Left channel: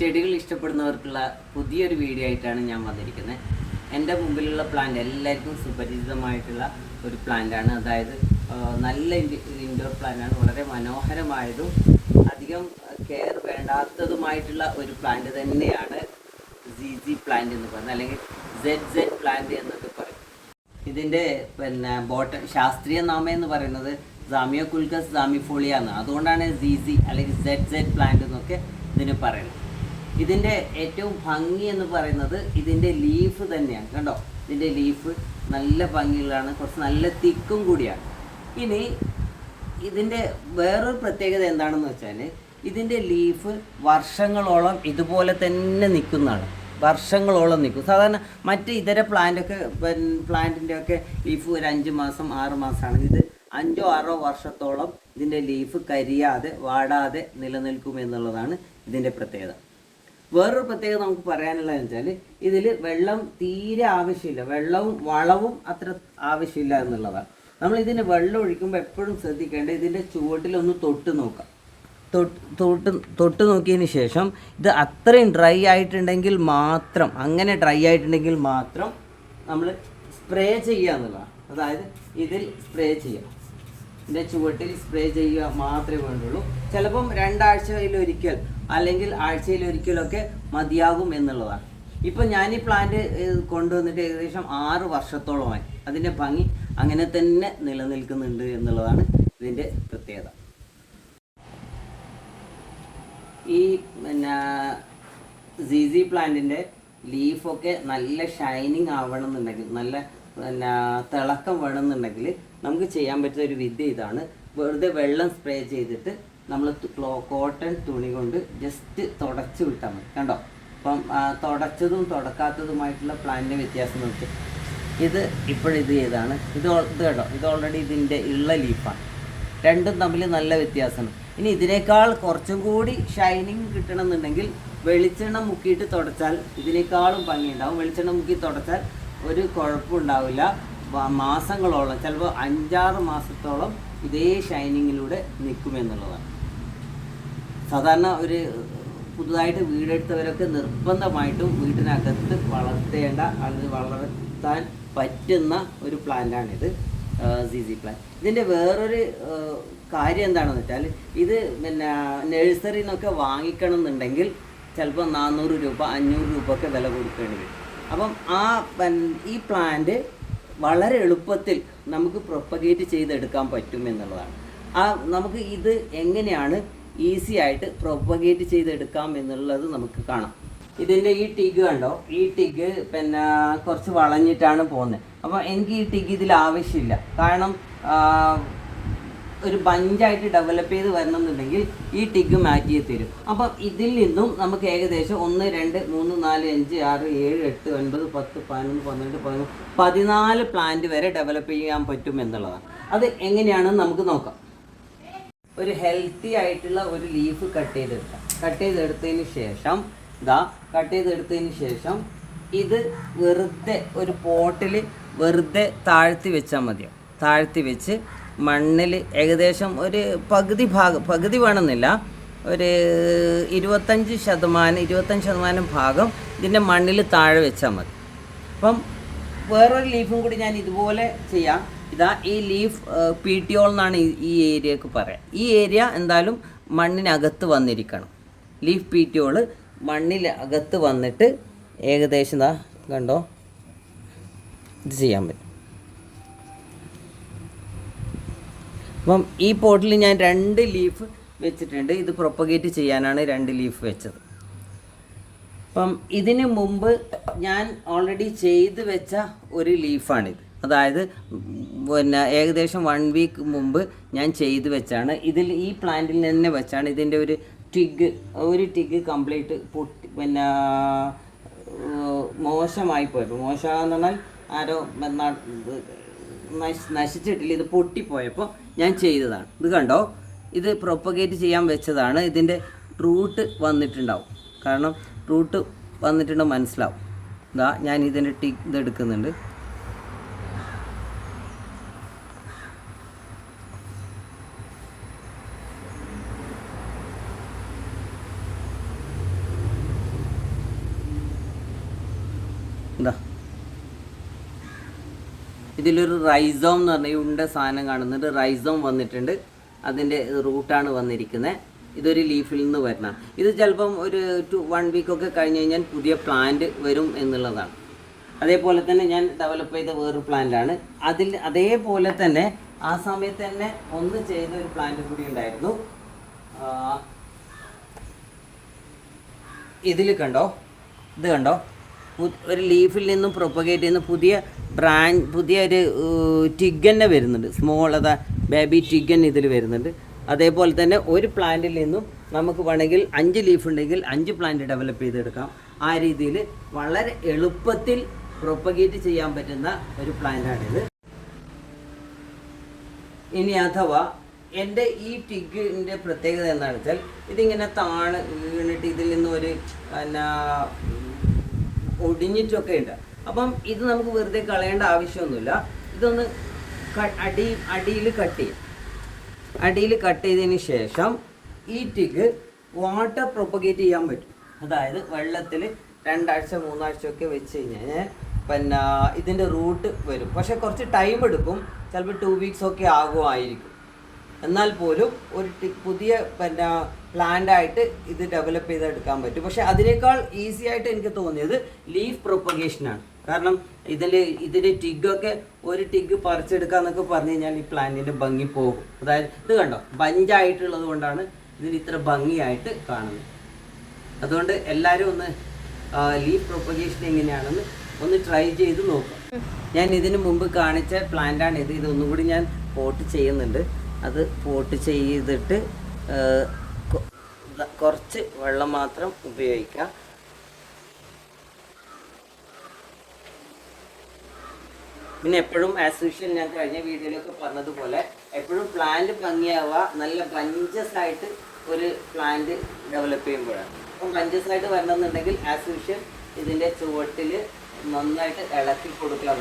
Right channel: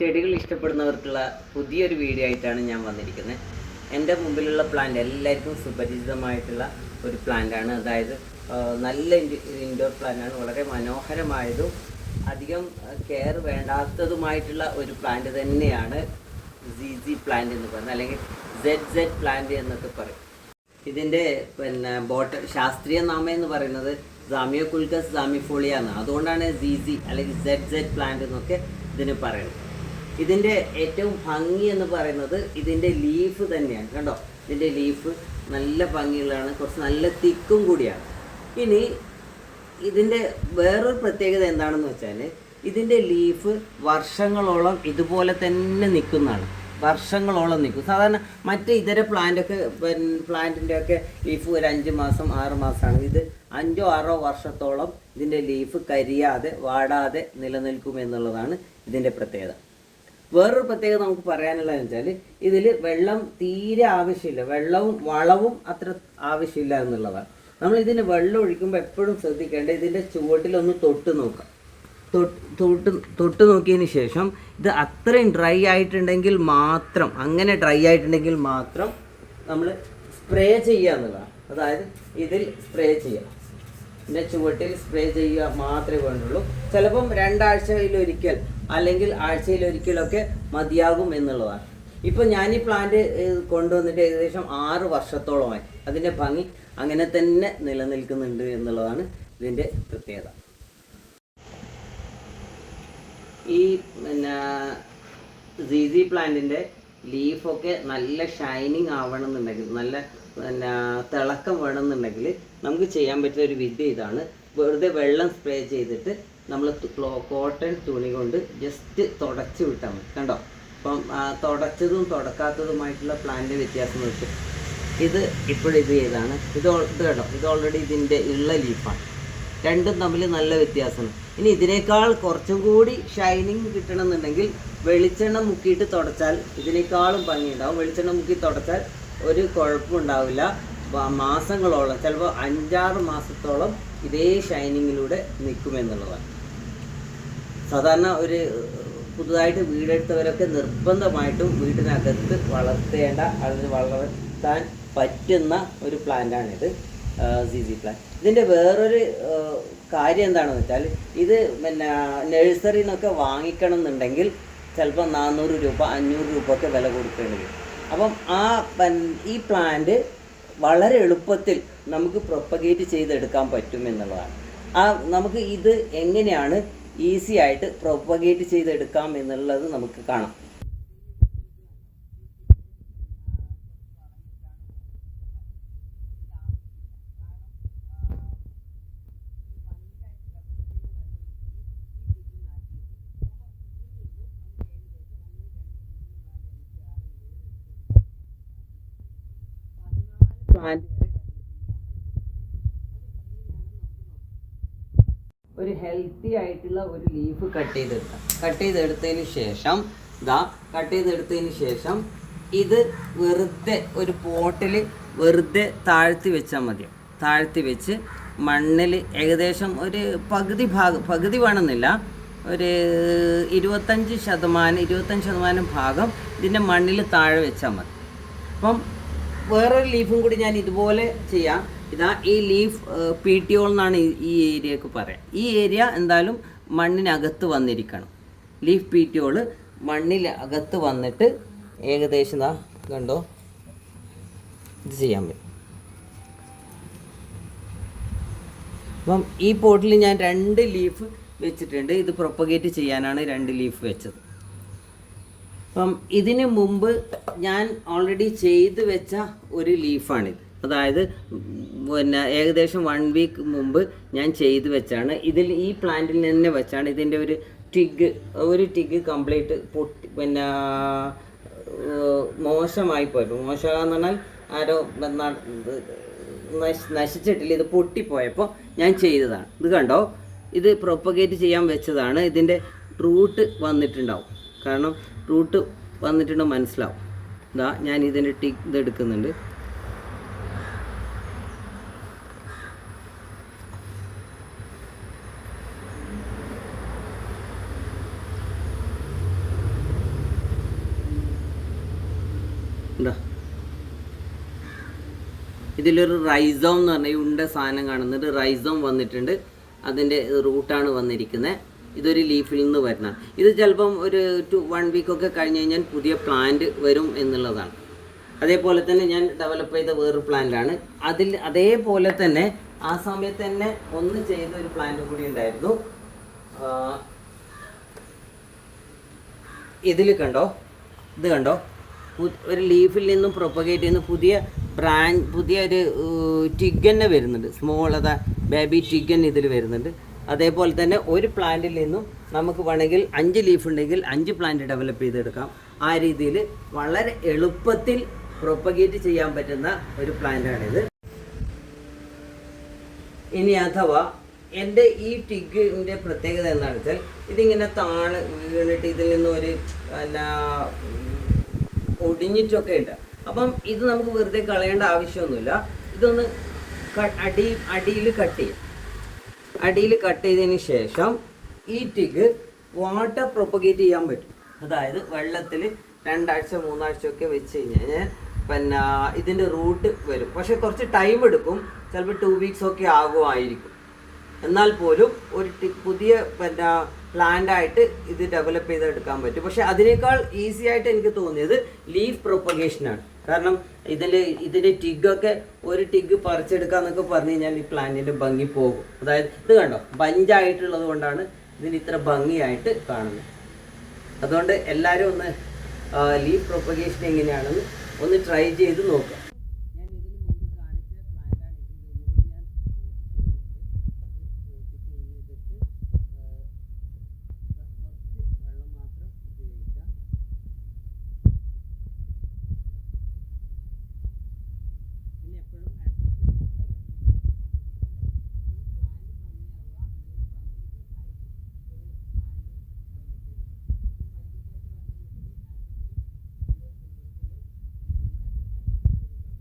ചെടികൾ ഇഷ്ടപ്പെടുന്നവർക്കുള്ള പുതിയൊരു വീഡിയോ ആയിട്ടാണ് ഞാൻ വന്നിരിക്കുന്നത്. എൻ്റെ മുമ്പിലുള്ള പ്ലാന്റ് എല്ലാവർക്കും സുപരിചിതമായിട്ടുള്ള ഒരു പ്ലാന്റാണ്. അതായത് നല്ല ഇൻഡോർ പ്ലാന്റാണ്. വളരെ മനോഹരമായതും അധികം കെയർ വേണ്ടാത്തതുമായിട്ടുള്ള ഒരു പ്ലാന്റ് തന്നെയാണ് ZZ പ്ലാന്റ് എന്ന് പറയുന്നത്, അല്ലെങ്കിൽ ZZ പ്ലാന്റ് എന്നൊക്കെ പറയും. ഇതിൻ്റെ ശാസ്ത്രീയ നാമം എന്ന് പറയുന്നത് സാമിയോകുൾക്കസ് സാമിഫോളിയ എന്നാണ്. അതുകൊണ്ടാണ് ZZ അല്ലെങ്കിൽ ZZ പ്ലാന്റ് എന്നൊക്കെ ഇതിന് പറയുന്നത്. ഇതിൻ്റെ ഏറ്റവും ഭംഗി എന്ന് പറയുന്നത് ഇതിൻ്റെ ലീഫ് തന്നെയാണ്. കണ്ടോ, ഇതിൻ്റെ ലീഫ് നല്ല ഭംഗിയുള്ളതാണ്, കുറച്ച് നല്ല തിക്കും കൂടിയാണ്. ഇനി ഇതിൻ്റെ വേറൊരു പ്രത്യേകത എന്താണെന്ന് വെച്ചാൽ ഇതിൻ്റെ ലീഫ് വർഷങ്ങളോളം ഇതുപോലെ തന്നെ നിൽക്കുന്നതാണ്. വർഷങ്ങളോളം നിൽക്കും. സാധാരണ മറ്റ് ഇതര പ്ലാന്റിൻ്റെ ഒക്കെ ലീഫ് ഒരു 5 മാസം 6 മാസമാണ്. ഇത് 5 6 വർഷത്തോളം ഇതിൻ്റെ ലീഫ് കരിയാതെ വാടാതെ നിലനിൽക്കും എന്നുള്ളതാണ് ഇതിൻ്റെ പ്രത്യേകത. വേറൊരു പ്രത്യേകത നമുക്ക് പറയാനുള്ളതെന്ന് വെച്ചാൽ ഇതിൽ വെള്ളം തീരെ ആവശ്യമില്ല, വെള്ളവും വളവും അത്ര ആവശ്യമില്ല എന്നുള്ളതാണ്. നമ്മൾ ഇതിന് വെള്ളം ഒഴിക്കുമ്പോൾ എപ്പോഴും ശ്രദ്ധിക്കേണ്ടത് ഇതിൻ്റെ ചുവട്ടിലൊന്ന് തൊട്ട് നോക്കാം. തൊട്ട് നോക്കിയതിന് ശേഷം ഇത് അത്രയും ഡ്രൈ ആയിട്ടുണ്ടെങ്കിൽ മാത്രം, അങ്ങനെ ഡ്രൈ ആയിട്ടുണ്ടെങ്കിൽ മാത്രം നമ്മൾ സ്പ്രേ ചെയ്യുക എന്നുള്ളതാണ്. അതായത് ഇതിൽ സ്പ്രേ ചെയ്യുക, ഇതിൻ്റെ ചുവട്ടിൽ സ്പ്രേ ചെയ്യുക മാത്രമേ വേണ്ടുള്ളൂ. ചിലപ്പം 2 ആഴ്ചയിലൊരിക്കൽ അല്ലെങ്കിൽ ആഴ്ചയിലൊരിക്കലൊക്കെ മതിയാകും എന്നുള്ളതാണ്. ഇപ്പം ഞാൻ ഈ പ്ലാന്റ് കൊണ്ടുവന്നിട്ട് ഏകദേശം 6 വർഷത്തോളമായി. അതിൻ്റെ ഭംഗി അങ്ങനെ തന്നെ നിലനിൽക്കുന്നുണ്ട് എന്നുള്ളതാണ് ഇതിൻ്റെ പ്രത്യേകത. ഈ ZZ പ്ലാന്റിൻ്റെ ലീഫൊക്കെ നല്ല ഷൈനിങ് ആവണമെന്നുണ്ടെങ്കിൽ, നല്ല തിളക്കം വേണമെന്നുണ്ടെങ്കിൽ നമുക്ക് ചെയ്യാൻ പറ്റിയ ഒരു വിദ്യ ഇതാണ്. വെറുതെ വെള്ളം സ്പ്രേ ചെയ്തിട്ട് നമ്മൾ കോട്ടൺ തുണി കൊണ്ട് ജസ്റ്റ് തുടച്ച് വിട്ടാൽ മതി. കണ്ടോ, അപ്പം തുടച്ചതും തുടക്കാത്തതുമായിട്ടുള്ള പ്ലാന്റിൻ്റെ വ്യത്യാസം നോക്കി. ഇത് ഇപ്പോഴിത് ചെയ്താണ്, ഇത് കേട്ടോ, ഇത് ഓൾറെഡി ഇതിൻ്റെ ഉള്ള ലീഫാണ്. രണ്ടും തമ്മിൽ നല്ല വ്യത്യാസമാണ്. ഇനി ഇതിനേക്കാൾ കുറച്ചും കൂടി ഷൈനിങ് കിട്ടണമെന്നുണ്ടെങ്കിൽ വെളിച്ചെണ്ണ മുക്കിയിട്ട് തുടച്ചാൽ ഇതിനേക്കാളും ഭംഗിയുണ്ടാവും. വെളിച്ചെണ്ണ മുക്കി തുടച്ചാൽ ഒരു കുഴപ്പമുണ്ടാവില്ല. മാസങ്ങളോളം, ചിലപ്പോൾ 5-6 മാസത്തോളം ഇതേ ഷൈനിങ്ങിലൂടെ നിൽക്കുമെന്നുള്ളതാണ്. സാധാരണ ഒരു പുതുതായിട്ട് വീടെടുത്തവരൊക്കെ നിർബന്ധമായിട്ടും വീടിനകത്ത് വളർത്തേണ്ട, അതിന് വളർത്താൻ പറ്റുന്ന ഒരു പ്ലാന്റാണിത്, ZZ പ്ലാന്റ്. ഇതിൻ്റെ വേറൊരു കാര്യം എന്താണെന്ന് വെച്ചാൽ ഇത് നഴ്സറിയിൽ നിന്നൊക്കെ വാങ്ങിക്കണം എന്നുണ്ടെങ്കിൽ ചിലപ്പോൾ 400 രൂപ 500 രൂപ ഒക്കെ വില കൊടുക്കേണ്ടി വരും. അപ്പം ഈ പ്ലാന്റ് വളരെ എളുപ്പത്തിൽ നമുക്ക് പ്രൊപ്പഗേറ്റ് ചെയ്തെടുക്കാൻ പറ്റും എന്നുള്ളതാണ്. നമുക്ക് ഇത് എങ്ങനെയാണ് ഈസി ആയിട്ട് പ്രൊപ്പഗേറ്റ് ചെയ്തെടുക്കാം എന്നുള്ളത് നമുക്ക് കാണാം. ഇതിൻ്റെ ഈ ടിഗ് കണ്ടോ, ഈ ടിഗ് കുറച്ച് വളഞ്ഞിട്ടാണ് പോകുന്നത്. അപ്പോൾ എനിക്ക് ഈ ടിഗ് ഇതിൽ ആവശ്യമില്ല. കാരണം ഒരു ബഞ്ചായിട്ട് ഡെവലപ്പ് ചെയ്ത് വരണം എന്നുണ്ടെങ്കിൽ ഈ ടിഗ് മാറ്റി തരും. അപ്പം ഇതിൽ നിന്നും നമുക്ക് ഏകദേശം 1 2 3 4 5 6 7 8 9 10 11 12 13 14 പ്ലാന്റ് വരെ ഡെവലപ്പ് ചെയ്യാൻ പറ്റും എന്നുള്ളതാണ്. അത് എങ്ങനെയാണെന്ന് നമുക്ക് നോക്കാം. ഒരു ഹെൽത്തി ആയിട്ടുള്ള ഒരു ലീഫ് കട്ട് ചെയ്തെടുത്തതിന് ശേഷം ഇത് വെറുതെ ഒരു പോട്ടിൽ വെറുതെ താഴ്ത്തി വെച്ചാൽ മതിയോ. താഴ്ത്തി വെച്ച് മണ്ണിൽ ഏകദേശം ഒരു പകുതി വേണമെന്നില്ല, ഒരു 25% ഭാഗം ഇതിൻ്റെ മണ്ണിൽ താഴെ വെച്ചാൽ മതി. അപ്പം വേറൊരു ലീഫും കൂടി ഞാൻ ഇതുപോലെ ചെയ്യാം. ഈ ലീഫ് PTO എന്നാണ് ഈ ഏരിയക്ക് പറയാം. ഈ ഏരിയ എന്തായാലും മണ്ണിനകത്ത് വന്നിരിക്കണം. ലീഫ് PTO മണ്ണിനകത്ത് വന്നിട്ട് ഏകദേശം കണ്ടോ ഇത് ചെയ്യാൻ പറ്റും. അപ്പം ഈ പോട്ടിൽ ഞാൻ 2 ലീഫ് വെച്ചിട്ടുണ്ട്. ഇത് പ്രൊപ്പഗേറ്റ് ചെയ്യാനാണ് 2 ലീഫ് വെച്ചത്. അപ്പം ഇതിന് മുമ്പ് ഞാൻ ഓൾറെഡി ചെയ്ത് വെച്ച ഒരു ലീഫാണിത്. അതായത് ഏകദേശം 1 വീക്ക് മുമ്പ് ഞാൻ ചെയ്ത് വെച്ചാണ്. ഈ പ്ലാന്റിൽ തന്നെ വെച്ചാണ്. ഇതിൻ്റെ ഒരു ടിഗ് കംപ്ലീറ്റ് പൊട്ടി മോശമായി പോയപ്പോൾ, മോശമെന്ന് പറഞ്ഞാൽ ആരോ നശിച്ചിട്ടില്ല, ഇത് പൊട്ടിപ്പോയപ്പോൾ ഞാൻ ചെയ്തതാണ്. ഇത് കണ്ടോ, ഇത് പ്രൊപ്പഗേറ്റ് ചെയ്യാൻ വെച്ചതാണ്. ഇതിൻ്റെ റൂട്ട് വന്നിട്ടുണ്ടാവും. കാരണം റൂട്ട് വന്നിട്ടുണ്ടെങ്കിൽ മനസ്സിലാവും. ഞാൻ ഇതിൻ്റെ ഇത് എടുക്കുന്നുണ്ട്. എന്താ ഇതിലൊരു റൈസോം എന്ന് പറഞ്ഞ ഈ ഉണ്ട സാധനം കാണുന്നുണ്ട്. റൈസോം വന്നിട്ടുണ്ട്, അതിൻ്റെ റൂട്ടാണ് വന്നിരിക്കുന്നത്. ഇതൊരു ലീഫിൽ നിന്ന് വരണം. ഇത് ചിലപ്പം ഒരു 1 വീക്കൊക്കെ കഴിഞ്ഞ് കഴിഞ്ഞാൽ പുതിയ പ്ലാന്റ് വരും എന്നുള്ളതാണ്. അതേപോലെ തന്നെ ഞാൻ ഡെവലപ്പ് ചെയ്ത വേറൊരു പ്ലാന്റാണ്. അതേപോലെ തന്നെ ആ സമയത്ത് തന്നെ ഒന്ന് ചെയ്ത ഒരു പ്ലാന്റ് കൂടി ഉണ്ടായിരുന്നു. ഇതിൽ കണ്ടോ, ഇത് കണ്ടോ, ഒരു ലീഫിൽ നിന്നും പ്രൊപ്പഗേറ്റ് ചെയ്യുന്ന പുതിയ ഒരു ടിഗ് തന്നെ വരുന്നുണ്ട്. സ്മോൾ ബേബി ടിഗ് ഇതിൽ വരുന്നുണ്ട്. അതേപോലെ തന്നെ ഒരു പ്ലാന്റിൽ നിന്നും നമുക്ക് വേണമെങ്കിൽ 5 ലീഫ് ഉണ്ടെങ്കിൽ 5 പ്ലാന്റ് ഡെവലപ്പ് ചെയ്തെടുക്കാം. ആ രീതിയിൽ വളരെ എളുപ്പത്തിൽ പ്രൊപ്പഗേറ്റ് ചെയ്യാൻ പറ്റുന്ന ഒരു പ്ലാന്റാണിത്. ഇനി അഥവാ എൻ്റെ ഈ ടിഗിൻ്റെ പ്രത്യേകത എന്താണെന്ന് വെച്ചാൽ ഇതിങ്ങനെ വീണിട്ട് ഇതിൽ നിന്നൊരു ഒടിഞ്ഞിട്ടൊക്കെ ഉണ്ട്. അപ്പം ഇത് നമുക്ക് വെറുതെ കളയേണ്ട ആവശ്യമൊന്നുമില്ല. ഇതൊന്ന് അടിയിൽ കട്ട് ചെയ്തതിന് ശേഷം ഈ ടിഗ് വാട്ടർ പ്രൊപ്പഗേറ്റ് ചെയ്യാൻ പറ്റും. അതായത് വെള്ളത്തിൽ 2 ആഴ്ച 3 ആഴ്ചയൊക്കെ വെച്ച് കഴിഞ്ഞാൽ പിന്നെ ഇതിൻ്റെ റൂട്ട് വരും. പക്ഷേ കുറച്ച് ടൈം എടുക്കും, ചിലപ്പോൾ 2 വീക്സ് ഒക്കെ ആകുമായിരിക്കും. എന്നാൽ പോലും ഒരു പുതിയ പിന്നെ പ്ലാന്റായിട്ട് ഇത് ഡെവലപ്പ് ചെയ്തെടുക്കാൻ പറ്റും. പക്ഷേ അതിനേക്കാൾ ഈസി ആയിട്ട് എനിക്ക് തോന്നിയത് ലീഫ് പ്രൊപ്പഗേഷനാണ്. കാരണം ഇതിൻ്റെ ടിഗൊക്കെ ഒരു ടിഗ് പറിച്ചെടുക്കാന്നൊക്കെ പറഞ്ഞു കഴിഞ്ഞാൽ ഈ പ്ലാന്റിൻ്റെ ഭംഗി പോകും. അതായത് ഇത് കണ്ടോ, ബഞ്ചായിട്ടുള്ളത് കൊണ്ടാണ് ഇതിന് ഇത്ര ഭംഗിയായിട്ട് കാണുന്നത്. അതുകൊണ്ട് എല്ലാവരും ഒന്ന് ലീഫ് പ്രൊപ്പഗേഷൻ എങ്ങനെയാണെന്ന് ഒന്ന് ട്രൈ ചെയ്ത് നോക്കാം. ഞാൻ ഇതിന് മുമ്പ് കാണിച്ച പ്ലാന്റാണിത്. ഇതൊന്നും കൂടി ഞാൻ പോട്ട് ചെയ്യുന്നുണ്ട്. അത് പോട്ട് ചെയ്തിട്ട് കുറച്ച് വെള്ളം മാത്രം ഉപയോഗിക്കാം. പിന്നെ എപ്പോഴും ആസ് യൂഷ്വൽ ഞാൻ കഴിഞ്ഞ വീഡിയോയിലൊക്കെ പറഞ്ഞതുപോലെ എപ്പോഴും പ്ലാന്റ് ഭംഗിയാവുക നല്ല ബഞ്ചസ് ആയിട്ട് ഒരു പ്ലാന്റ് ഡെവലപ്പ് ചെയ്യുമ്പോഴാണ്. അപ്പം ബഞ്ചസ് ആയിട്ട് വരണമെന്നുണ്ടെങ്കിൽ ആസ് യൂഷ്വൽ ഇതിൻ്റെ ചുവട്ടിൽ നന്നായിട്ട് ഇളക്കി കൊടുക്കുക.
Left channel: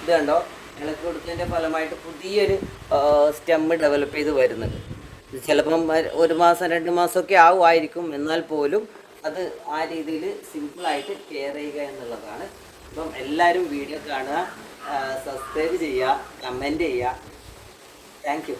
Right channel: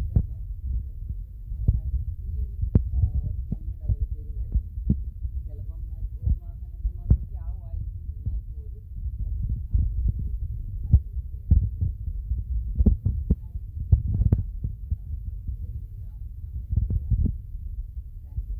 ഇത് കണ്ടോ, ഇളക്കി കൊടുത്തതിൻ്റെ ഫലമായിട്ട് പുതിയൊരു സ്റ്റെമ്മ് ഡെവലപ്പ് ചെയ്ത് വരുന്നുണ്ട്. ഇത് ചിലപ്പം 1 മാസം 2 മാസമൊക്കെ ആവുമായിരിക്കും. എന്നാൽ പോലും അത് ആ രീതിയിൽ സിമ്പിളായിട്ട് കെയർ ചെയ്യുക എന്നുള്ളതാണ്. അപ്പം എല്ലാവരും വീഡിയോ കാണുക, സബ്സ്ക്രൈബ് ചെയ്യുക, കമൻറ്റ് ചെയ്യുക. Thank you.